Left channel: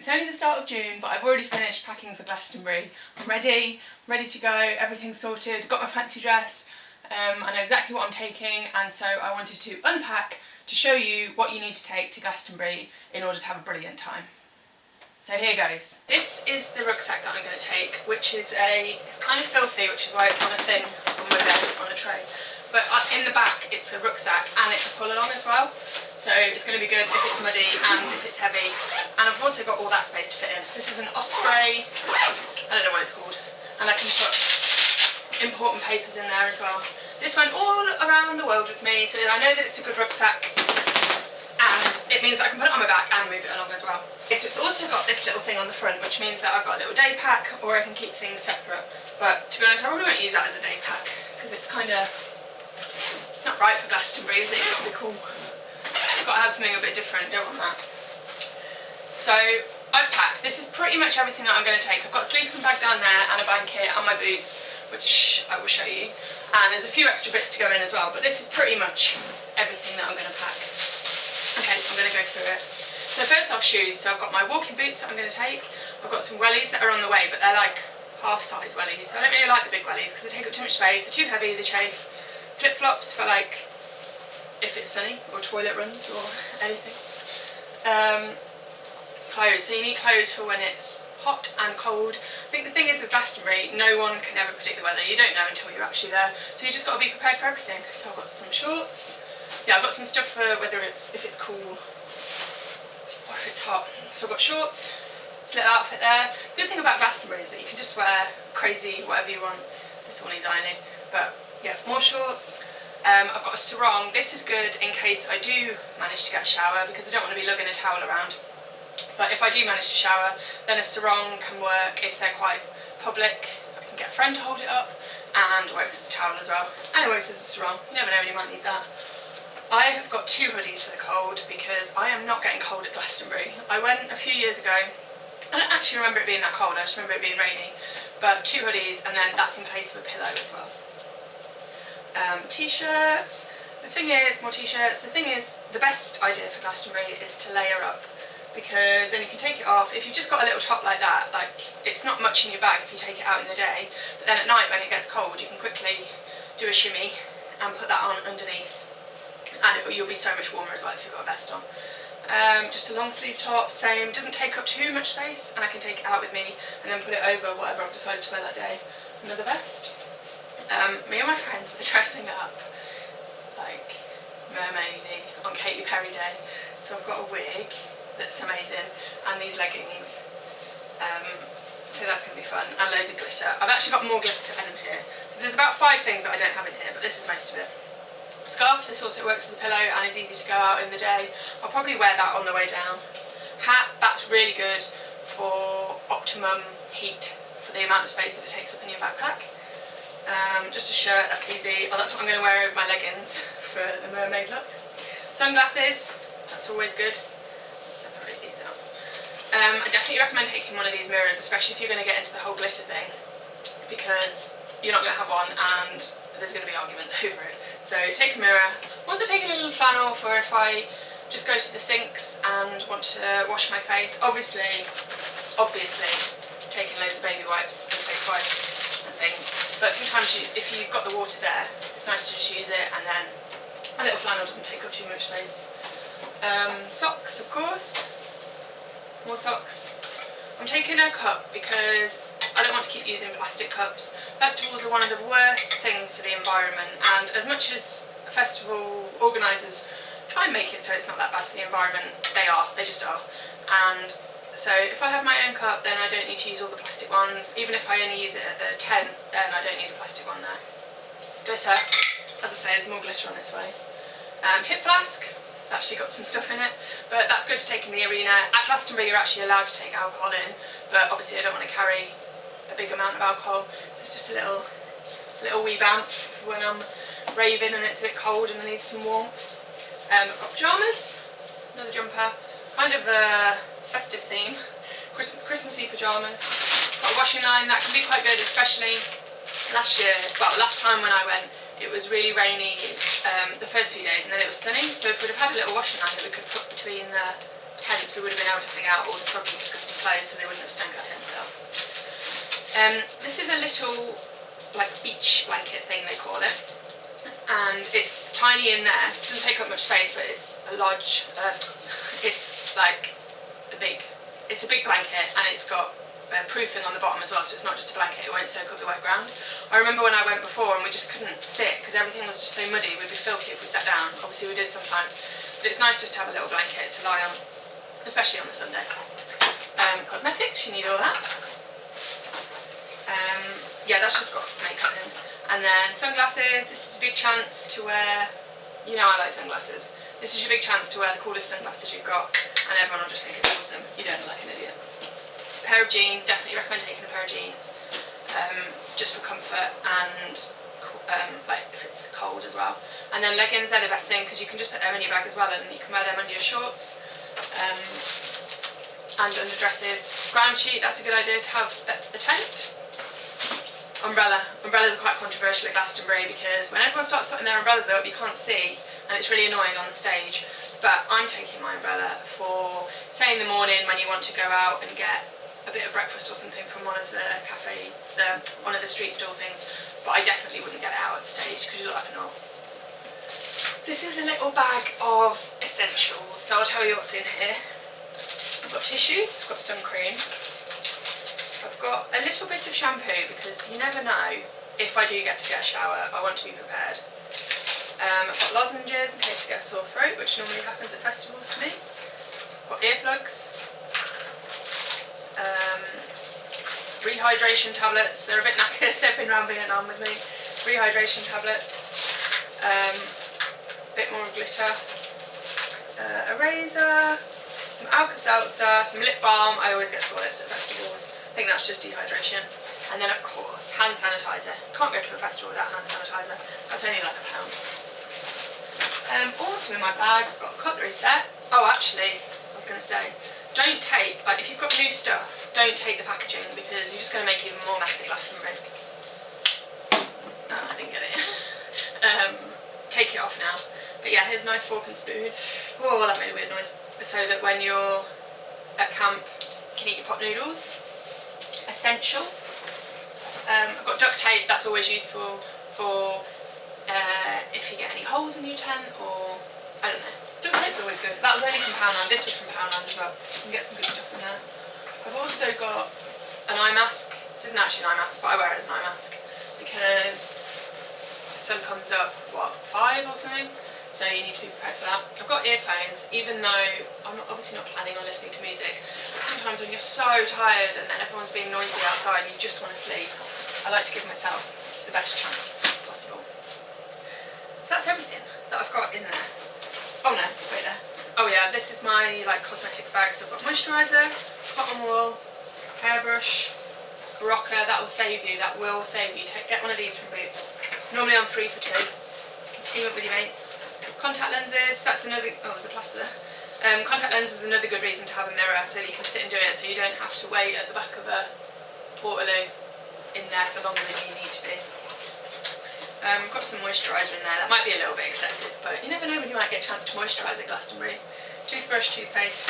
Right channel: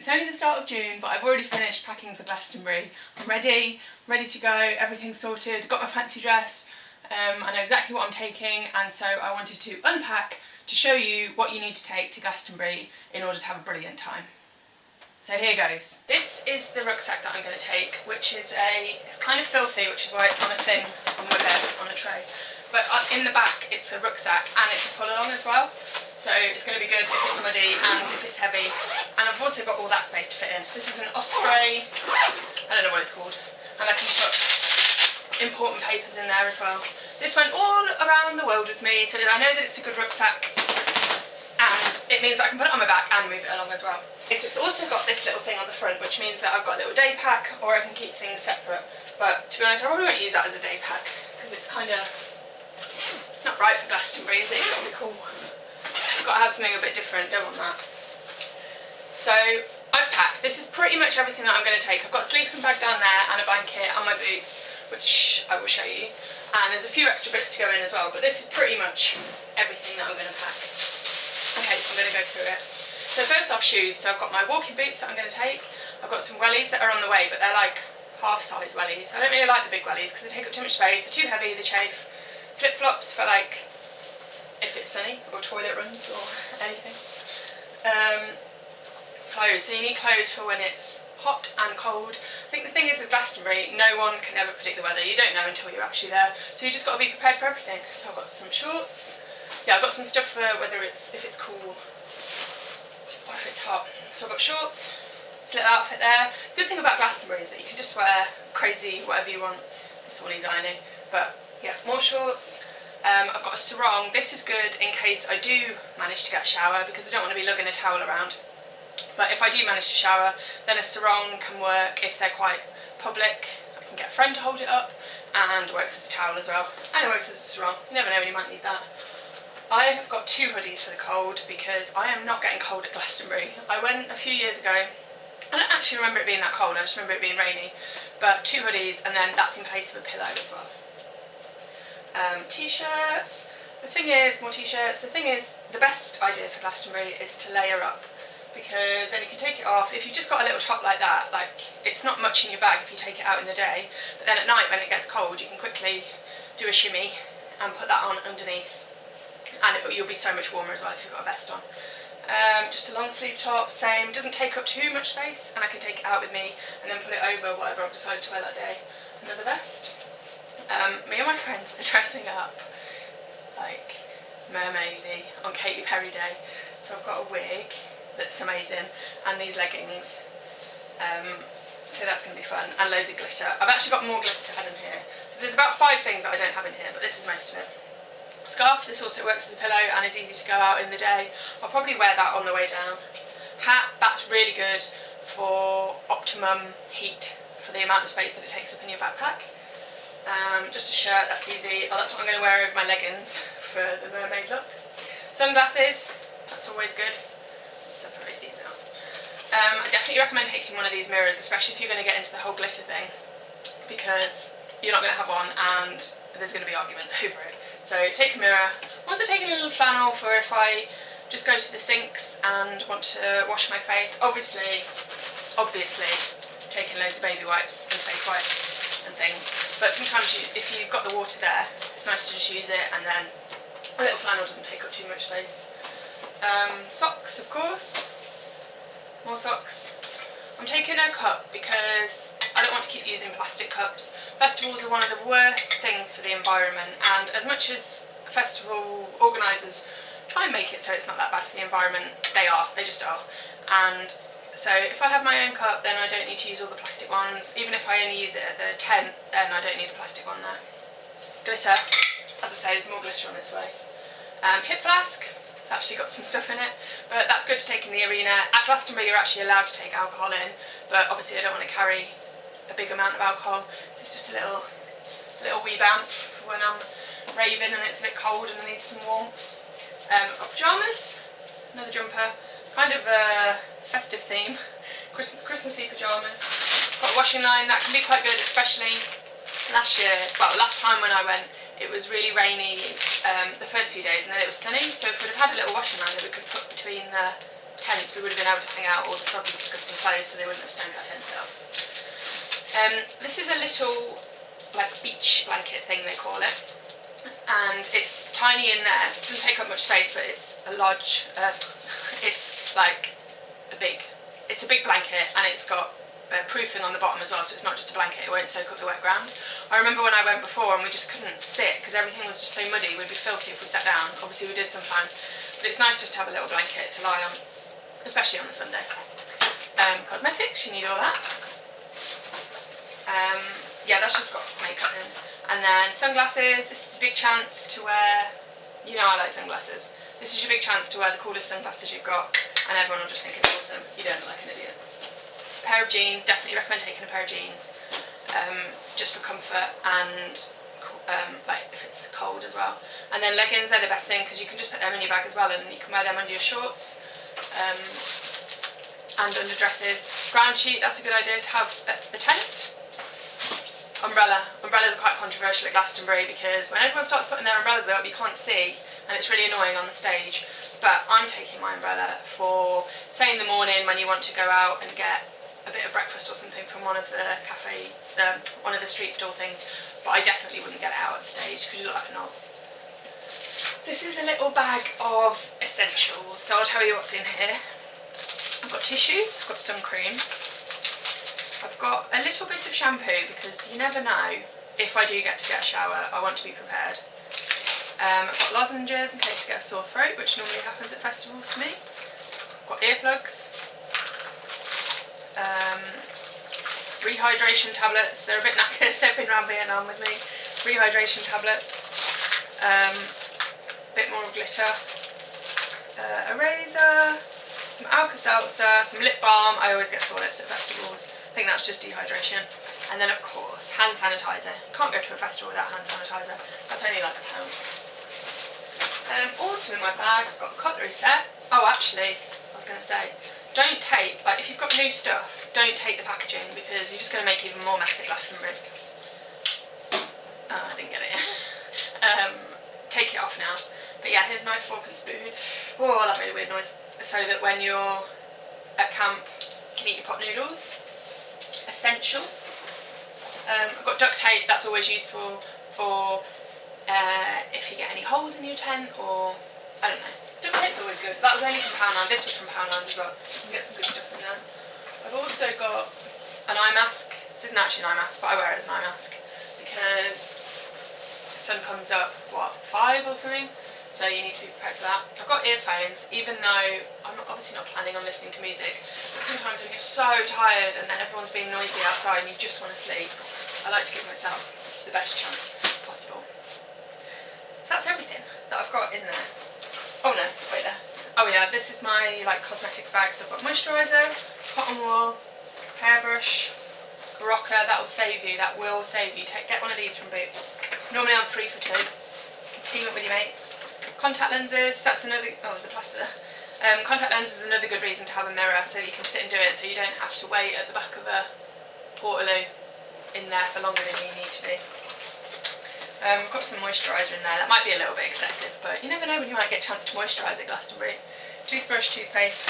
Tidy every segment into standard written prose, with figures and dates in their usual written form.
It's only the start of June, but I've already finished packing for Glastonbury. I'm ready to go, everything's sorted, got my fancy dress, I know exactly what I'm taking, and so I wanted to unpack to show you what you need to take to Glastonbury in order to have a brilliant time. So here goes. This is the rucksack that I'm going to take, which is it's kind of filthy, which is why it's on a thing on my bed, on the tray. But in the back it's a rucksack and it's a pull-along as well. So it's going to be good if it's muddy and if it's heavy. And I've also got all that space to fit in. This is an Osprey, I don't know what it's called. And I can put important papers in there as well. This went all around the world with me, so I know that it's a good rucksack. And it means that I can put it on my back and move it along as well. So it's also got this little thing on the front, which means that I've got a little day pack, or I can keep things separate. But to be honest, I probably won't use that as a day pack, because it's kind of, it's not right for Glastonbury, is it? It's got to be cool. I've got to have something a bit different, don't want that. So I've packed. This is pretty much everything that I'm going to take. I've got a sleeping bag down there and a blanket and my boots, which I will show you. And there's a few extra bits to go in as well, but this is pretty much everything that I'm going to pack. Okay, so I'm going to go through it. So first off, shoes. So I've got my walking boots that I'm going to take. I've got some wellies that are on the way, but they're like half-size wellies. I don't really like the big wellies because they take up too much space. They're too heavy, they chafe. Flip-flops for like if it's sunny or toilet runs or anything. Clothes. So you need clothes for when it's hot and cold. I think the thing is with Glastonbury, no one can ever predict the weather. You don't know until you're actually there. So you just got to be prepared for everything. So I've got some shorts. Yeah, I've got some stuff for if it's cool or if it's hot. So I've got shorts, this little outfit there. The good thing about Glastonbury is that you can just wear crazy whatever you want. This one needs ironing, but yeah, more shorts. I've got a sarong. This is good in case I do manage to get a shower, because I don't want to be lugging a towel around. But if I do manage to shower, then a sarong can work if they're quite public. I can get a friend to hold it up, and works as a towel as well. And it works as a sarong. You never know when you might need that. I have got 2 hoodies for the cold because I am not getting cold at Glastonbury. I went a few years ago. I don't actually remember it being that cold, I just remember it being rainy. But 2 hoodies, and then that's in place of a pillow as well. T-shirts. The thing is, more t-shirts. The thing is, the best idea for Glastonbury is to layer up, because then you can take it off. If you've just got a little top like that, like it's not much in your bag if you take it out in the day, but then at night when it gets cold you can quickly do a shimmy and put that on underneath, and you'll be so much warmer as well if you've got a vest on. Just a long sleeve top, same, doesn't take up too much space, and I can take it out with me and then put it over whatever I've decided to wear that day. Another vest. Me and my friends are dressing up like mermaidy on Katy Perry Day, so I've got a wig that's amazing and these leggings, so that's going to be fun, and loads of glitter. I've actually got more glitter to add in here, so there's about 5 things that I don't have in here, but this is most of it. Scarf. This also works as a pillow and is easy to go out in the day. I'll probably wear that on the way down. Hat. That's really good for optimum heat for the amount of space that it takes up in your backpack. Just a shirt, that's easy. Oh, that's what I'm going to wear over my leggings for the mermaid look. Sunglasses, that's always good. Let's separate these out. I definitely recommend taking one of these mirrors, especially if you're going to get into the whole glitter thing, because you're not going to have one and there's going to be arguments over it. So take a mirror. I'm also taking a little flannel for if I just go to the sinks and want to wash my face. Obviously taking loads of baby wipes and face wipes and things, but sometimes if you've got the water there, it's nice to just use it, and then a little flannel doesn't take up too much space. Socks, of course. More socks. I'm taking a cup because I don't want to keep using plastic cups. Festivals are one of the worst things for the environment, and as much as festival organisers try and make it so it's not that bad for the environment, they just are. And so if I have my own cup, then I don't need to use all the plastic ones. Even if I only use it at the tent, then I don't need a plastic one there. Glitter. As I say, there's more glitter on its way. Hip flask. It's actually got some stuff in it, but that's good to take in the arena. At Glastonbury you're actually allowed to take alcohol in, but obviously I don't want to carry a big amount of alcohol, so it's just a little wee bamf when I'm raving and it's a bit cold and I need some warmth. I've got pyjamas, another jumper, kind of a festive theme, Christmassy pyjamas. Got a washing line, that can be quite good, especially last time when I went, it was really rainy the first few days, and then it was sunny, so if we'd have had a little washing line that we could put between the tents, we would have been able to hang out all the soggy, disgusting clothes, so they wouldn't have stunk our tents up. This is a little like beach blanket thing, they call it, and it's tiny in there. It doesn't take up much space, but it's a large. It's like it's a big blanket, and it's got proofing on the bottom as well, so it's not just a blanket, it won't soak up the wet ground. I remember when I went before and we just couldn't sit because everything was just so muddy, we'd be filthy if we sat down. Obviously we did sometimes, but it's nice just to have a little blanket to lie on, especially on the Sunday. Cosmetics, you need all that. Yeah, that's just got makeup in. And then sunglasses, this is a big chance to wear, you know I like sunglasses. This is your big chance to wear the coolest sunglasses you've got, and everyone will just think it's awesome. You don't look like an idiot. A pair of jeans, definitely recommend taking a pair of jeans, just for comfort and like if it's cold as well. And then leggings, they're the best thing because you can just put them in your bag as well, and you can wear them under your shorts and under dresses. Ground sheet, that's a good idea to have at the tent. Umbrella. Umbrellas are quite controversial at Glastonbury because when everyone starts putting their umbrellas up, you can't see, and it's really annoying on the stage. But I'm taking my umbrella for, say, in the morning when you want to go out and get a bit of breakfast or something from one of the one of the street stall things, but I definitely wouldn't get it out at the stage because you look like a knob. This is a little bag of essentials, so I'll tell you what's in here. I've got tissues, I've got sun cream, I've got a little bit of shampoo because you never know if I do get a shower, I want to be prepared. I've got lozenges in case I get a sore throat, which normally happens at festivals for me. I've got earplugs. Rehydration tablets, they're a bit knackered, they've been around Vietnam with me. Rehydration tablets, bit more glitter, a razor, some Alka-Seltzer, some lip balm. I always get sore lips at festivals, I think that's just dehydration. And then of course, hand sanitizer. You can't go to a festival without hand sanitizer, that's only like £1. Also in my bag, I've got a cutlery set. Oh actually, I was going to say, don't take, like if you've got new stuff, don't take the packaging because you're just going to make even more mess at Glastonbury. Oh, I didn't get it in. Take it off now. But yeah, here's my fork and spoon. Oh, that made a weird noise. So that when you're at camp, you can eat your pot noodles. Essential. I've got duct tape, that's always useful for if you get any holes in your tent, or I don't know. Duct tape's always good. That was only from Poundland. This was from Poundland as well. You can get some good stuff in there. I've also got an eye mask. This isn't actually an eye mask, but I wear it as an eye mask because the sun comes up, what, 5 or something? So you need to be prepared for that. I've got earphones, even though I'm obviously not planning on listening to music, but sometimes when you're so tired and then everyone's being noisy outside and you just want to sleep, I like to give myself the best chance possible. So that's everything that I've got in there. Oh no, wait there. Oh yeah, this is my like cosmetics bag. So I've got moisturizer, cotton wool, hairbrush, rocker. That will save you. That will save you. Get one of these from Boots. Normally I'm 3 for 2. You can team up with your mates. Contact lenses. That's another. Oh, there's a plaster there. Contact lenses is another good reason to have a mirror so that you can sit and do it. So you don't have to wait at the back of a portaloo in there for longer than you need to be. I've got some moisturiser in there. That might be a little bit excessive, but you never know when you might get a chance to moisturise at Glastonbury. Toothbrush, toothpaste,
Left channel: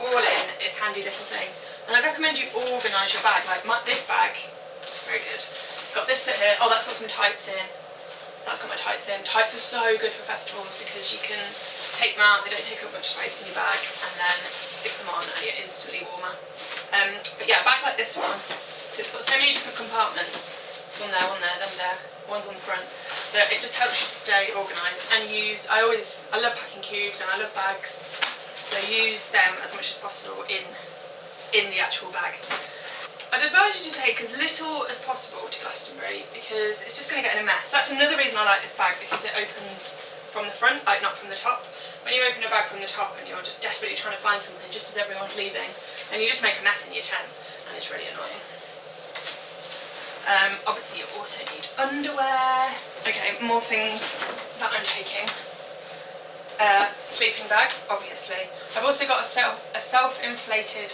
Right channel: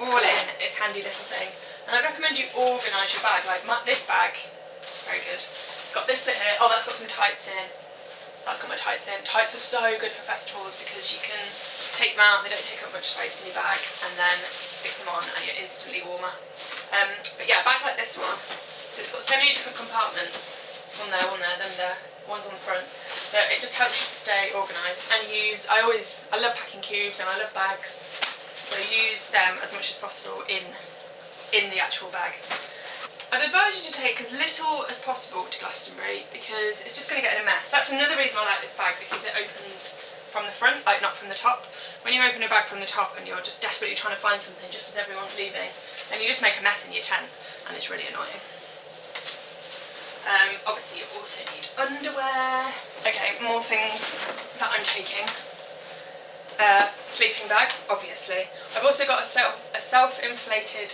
all in this handy little thing. And I'd recommend you organise your bag. Like this bag, very good. It's got this bit here. Oh, that's got some tights in. That's got my tights in. Tights are so good for festivals because you can take them out. They don't take up much space in your bag, and then stick them on, and you're instantly warmer. But yeah, a bag like this one. So it's got so many different compartments. One there, them there, one's on the front. But it just helps you to stay organised and use. I love packing cubes and I love bags, so use them as much as possible in the actual bag. I'd advise you to take as little as possible to Glastonbury because it's just going to get in a mess. That's another reason I like this bag, because it opens from the front, like not from the top. When you open a bag from the top and you're just desperately trying to find something just as everyone's leaving, and you just make a mess in your tent, and it's really annoying. Obviously you also need underwear. Okay, more things that I'm taking. Sleeping bag, obviously. I've also got a self-inflating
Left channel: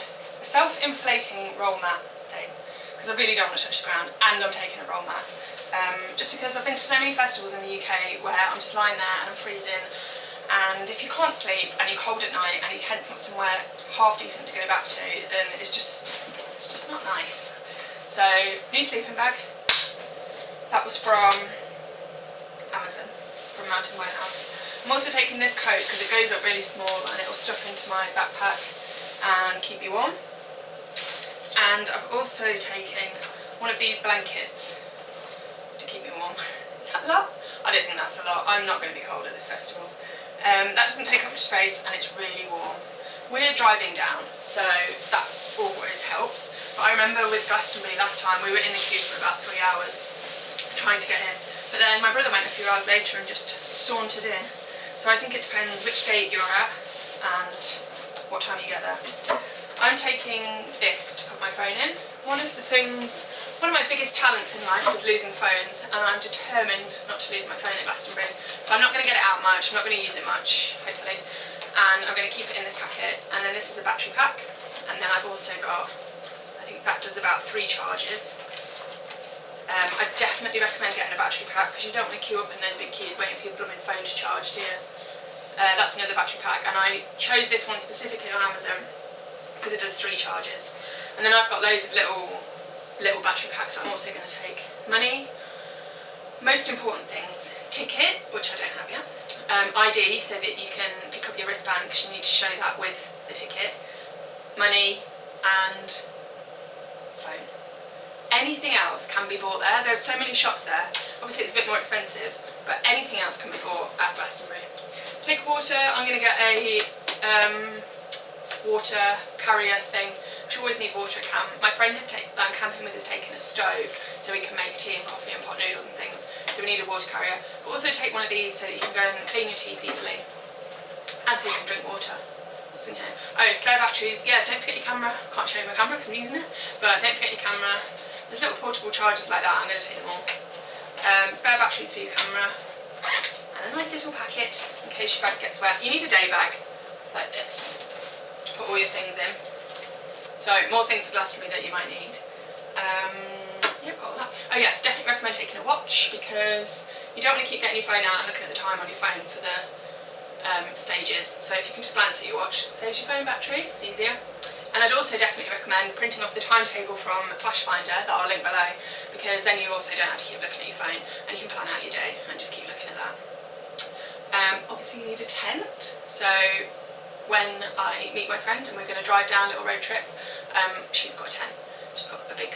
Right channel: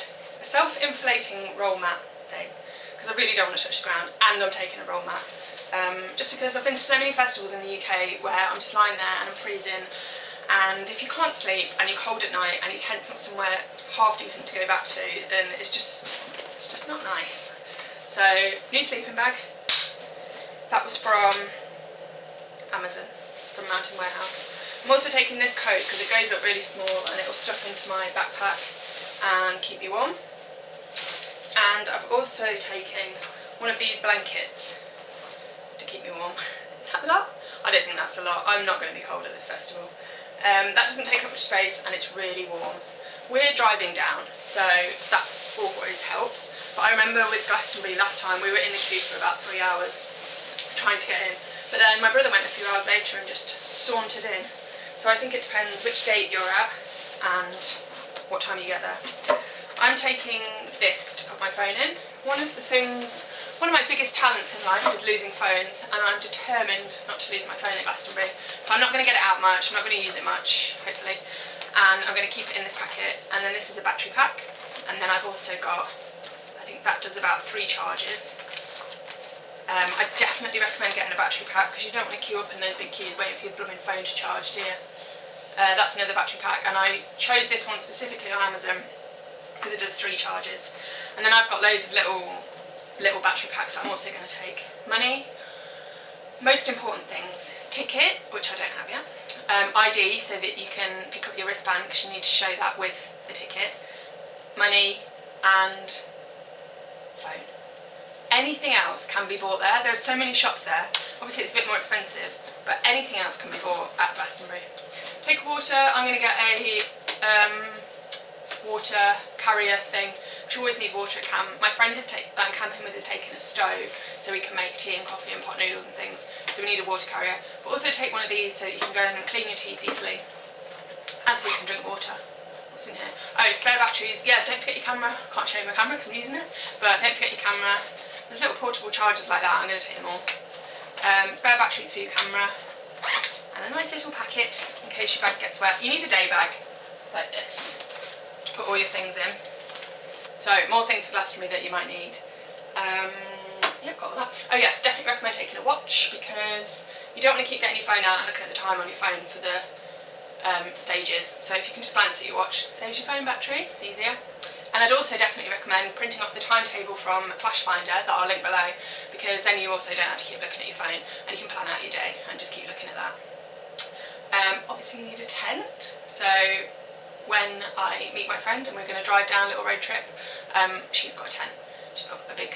roll mat thing, because I really don't want to touch the ground, and I'm taking a roll mat. Just because I've been to so many festivals in the UK where I'm just lying there and I'm freezing, and if you can't sleep and you're cold at night and your tent's not somewhere half decent to go back to, then it's just not nice. So, new sleeping bag. That was from Amazon, from Mountain Warehouse. I'm also taking this coat because it goes up really small and it will stuff into my backpack and keep me warm. And I've also taken one of these blankets to keep me warm. Is that a lot? I don't think that's a lot. I'm not going to be cold at this festival. That doesn't take up much space and it's really warm. We're driving down, so that always helps. But I remember with Glastonbury last time, we were in the queue for about 3 hours trying to get in. But then my brother went a few hours later and just sauntered in. So I think it depends which gate you're at and what time you get there. I'm taking this to put my phone in. One of my biggest talents in life is losing phones, and I'm determined not to lose my phone at Glastonbury. So I'm not going to get it out much, I'm not going to use it much, hopefully. And I'm going to keep it in this packet. And then this is a battery pack. And then I've also got, I think that does about 3 charges. I definitely recommend getting a battery pack because you don't want to queue up in those big queues waiting for your blooming phone to charge, do you? That's another battery pack, and I chose this one specifically on Amazon because it does 3 charges. And then I've got loads of little battery packs that I'm also going to take. Money, most important things, ticket, which I don't have yet, ID so that you can pick up your wristband because you need to show that with the ticket, money and phone. Anything else can be bought there. There's so many shops there. Obviously it's a bit more expensive, but anything else can be bought at Glastonbury. Take water. I'm going to get a water carrier thing. You always need water at camp. My friend I'm camping with is taking a stove so we can make tea and coffee and pot noodles and things. So we need a water carrier. But also take one of these so that you can go and clean your teeth easily. And so you can drink water. What's in here? Oh, spare batteries. Yeah, don't forget your camera. Can't show you my camera because I'm using it. But don't forget your camera. There's little portable chargers like that, I'm going to take them all. Spare batteries for your camera. And a nice little packet in case your bag gets wet. You need a day bag, like this, to put all your things in. So, more things for Glastonbury that you might need. Yeah, got all that. Oh yes, definitely recommend taking a watch because you don't want to keep getting your phone out and looking at the time on your phone for the stages. So if you can just glance at your watch, it saves your phone battery, it's easier. And I'd also definitely recommend printing off the timetable from Clashfinder that I'll link below, because then you also don't have to keep looking at your phone and you can plan out your day and just keep looking at that. Obviously you need a tent, so when I meet my friend and we're going to drive down a little road trip, she's got a tent. She's got a big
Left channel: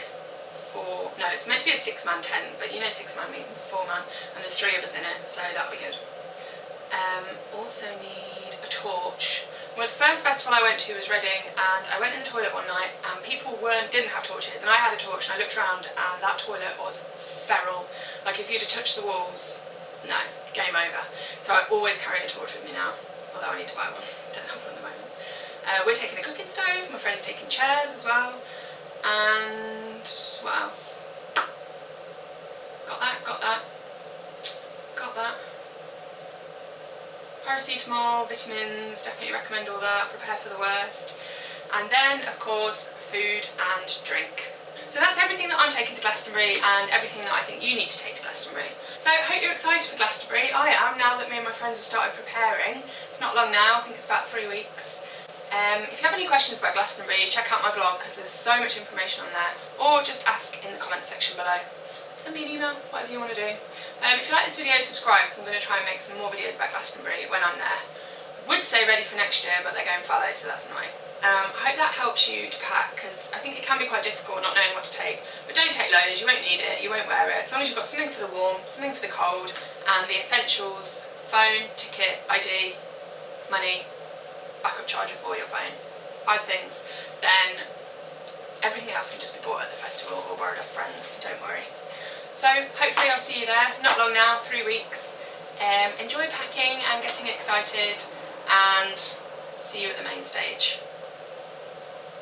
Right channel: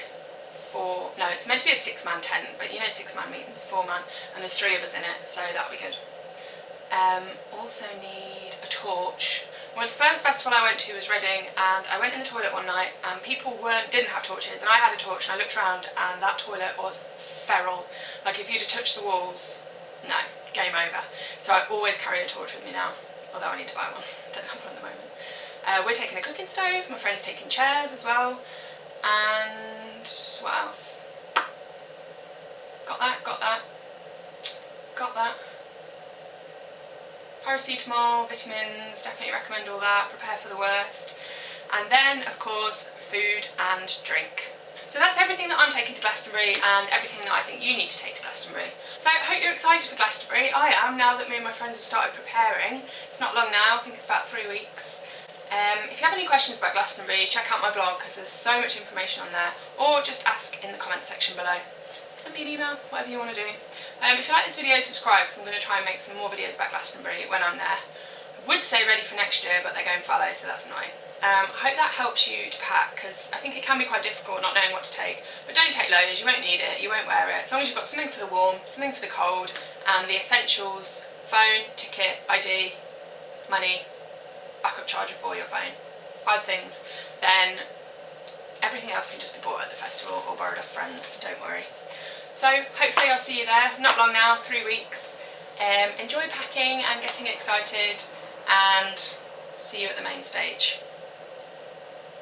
it's meant to be a 6-man tent, but you know 6-man means 4-man, and there's 3 of us in it, so that'll be good. Also need a torch. Well, the first festival I went to was Reading, and I went in the toilet one night and people didn't have torches, and I had a torch and I looked around and that toilet was feral. Like if you'd have touched the walls, no, game over. So I always carry a torch with me now, although I need to buy one, don't have one at the moment. We're taking a cooking stove, my friend's taking chairs as well, and what else? Got that. Paracetamol, vitamins, definitely recommend all that, prepare for the worst. And then, of course, food and drink. So that's everything that I'm taking to Glastonbury and everything that I think you need to take to Glastonbury. So I hope you're excited for Glastonbury. I am, now that me and my friends have started preparing. It's not long now, I think it's about 3 weeks. If you have any questions about Glastonbury, check out my blog because there's so much information on there, or just ask in the comments section below. Send me an email, whatever you want to do. If you like this video, subscribe because I'm going to try and make some more videos about Glastonbury when I'm there. I would say ready for next year, but they're going fallow, so that's annoying. I hope that helps you to pack because I think it can be quite difficult not knowing what to take. But don't take loads, you won't need it, you won't wear it. As long as you've got something for the warm, something for the cold, and the essentials: phone, ticket, ID, money, backup charger for your phone. 5 things. Then everything else can just be bought at the festival or borrowed off friends, don't worry. So hopefully I'll see you there, not long now, 3 weeks. Enjoy packing and getting excited, and see you at the main stage.